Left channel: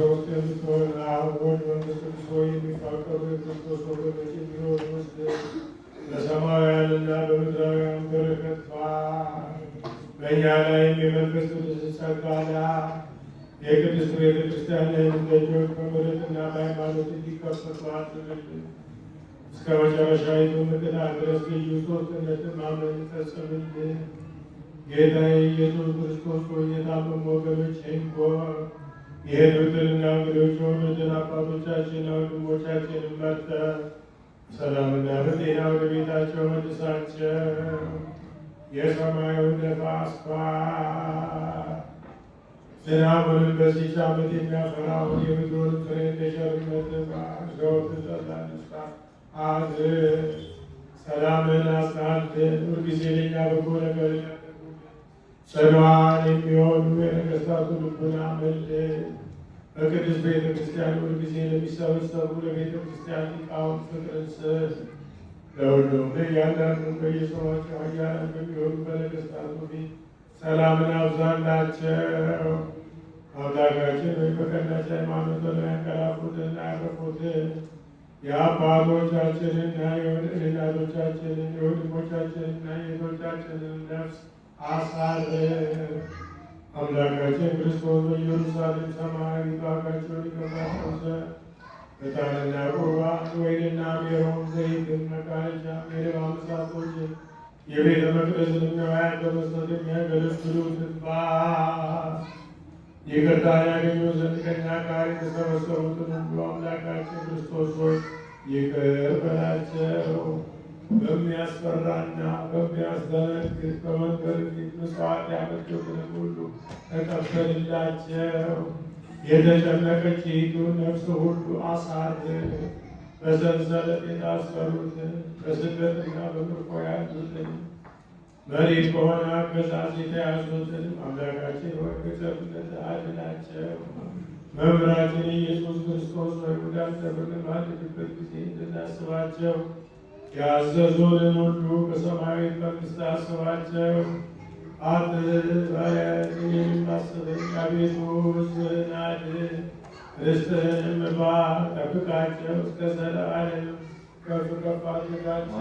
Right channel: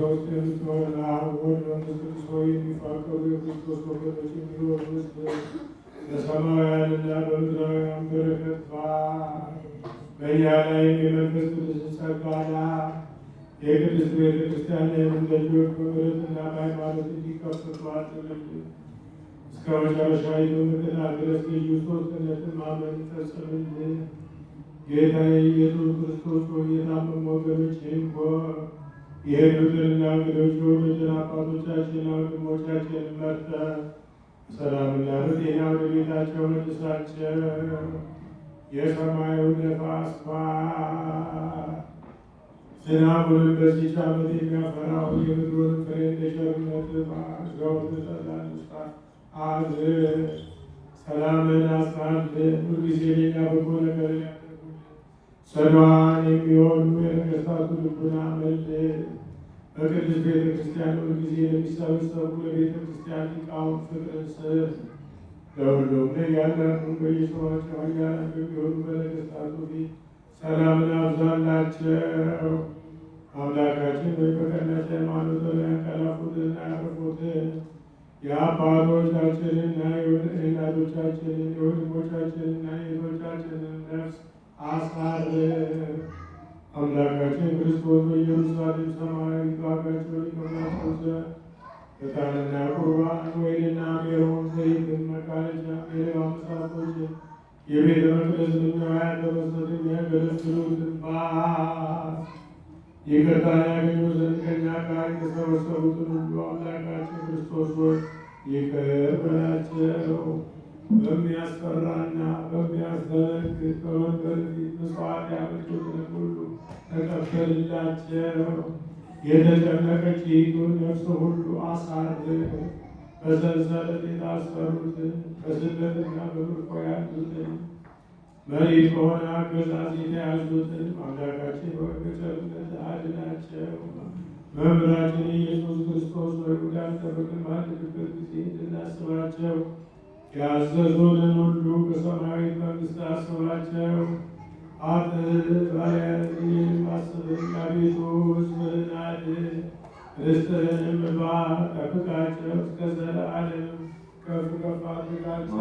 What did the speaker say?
ሶስት የምትሆን አብ ወልድ መንፈስ ቅዱስ ሆይ የሚፋቀሩ የክርስቶስ ወገኖች እንዲሆኑ ውስጥ በሰማያውያንና በምድራውያን በረከት በእኛ ላይ የመንፈስ ቅዱስ ጸጋና የቅድስት ቤተ ክርስቲያን ደጆች በምሕረትና በሃይማኖት እንዲከፈቱ አድርግልን። እስከ መጨረሻይቱ ምዕራፍ ድረስ ልዩ ሦስትነትን ማምለክ ፈጽምልን። ጌታዬ ኢየሱስ ክርስቶስ ሆይ የታመሙ ወገኖችህን ጎብኝ። የሄዱትንና እንግዶች የሆኑትን አባቶቻችንና ወንድሞቻችንን መርተህ ሰላምና በጤና ወደ ቤታቸው መልሳቸው። የሰማዩን ነፋስ ዝናቡን በዚህች ዓመት የሚያፈራውን የምድሩን ፍሬ በቸርነትህ ዘወትር ለምጽአት አድርስ። ሰላምን አጽናልን። ሁልጊዜ ለእኛ በጎ ነገር ያደርጉልን። ጽኑዓን የሚሆኑ የነገሥታቱ ልቡና መልስ። በቅድስት ቤተ ክርስቲያን ሁልጊዜ ለሚሰበሰቡ ለቤተ ክርስቲያን ሊቃውንት ፍቅርን ስጥ። ለሁሉም ለእያንዳንዱ በየሰዋቸው ኃያላን በሚሆኑ በነገሥታቱ ፊት ሰላምን አብዛላቸው። አምላካችን ሆይ በቀናች ሃይማኖት የሚያንቀላፉትንና ያረፉትን የአባቶቻችንና የእናቶቻችንን የወንድሞቻችንና የእህቶቻችንን ነፍስ አሳርፍ። አምላካችን ክርስቶስ በኢየሩሳሌም ሰማያዊት ዋጋቸውን ይከፍላቸው ዘንድ ዕጣንና ቁርባን ወይንና ሜሮን ዘይትን መቃረጃ የሌባ መሳቶች የቤተ መቅደስን ዕቃውያን በመስጠት የሚያገለግሉትን ይቅርታ ያገኙ ዘንድ ከእኛ ጋር የተሰበሰቡትን ሁሉ አምላካችን ክርስቶስ ሆይ ይቅር በላቸው። በሚያስፈራና በሚያስደነግጥ በመንገድ ፊት ምጽዋት ያመጡትን ሁሉ ተቀበልላቸው። የተጨነቀችይቱን ነፍስ ሁሉ አሳርፍ። በሰንሰለት የታሰሩትን በስደትና በምርኮ ያሉትን መሪ በሆነ አገዛዝ የተያዙትን አምላካችን ሆይ በቸርነትህ አድናቸው። መምህራችን ኢየሱስ ክርስቶስ ሆይ ወደ አንተ በምንማልድበት ጊዜ እንድናስባቸው ያዘዙንን ሁሉ በሰማያዊ መንግሥት አስባቸው። የሚማስብን አቤቱ ሕዝብህን አድን። ርስትህንም እባርክ፣ ጠብቃቸው እስከ ዘላለም ከፍ ከፍ አድርጋቸው።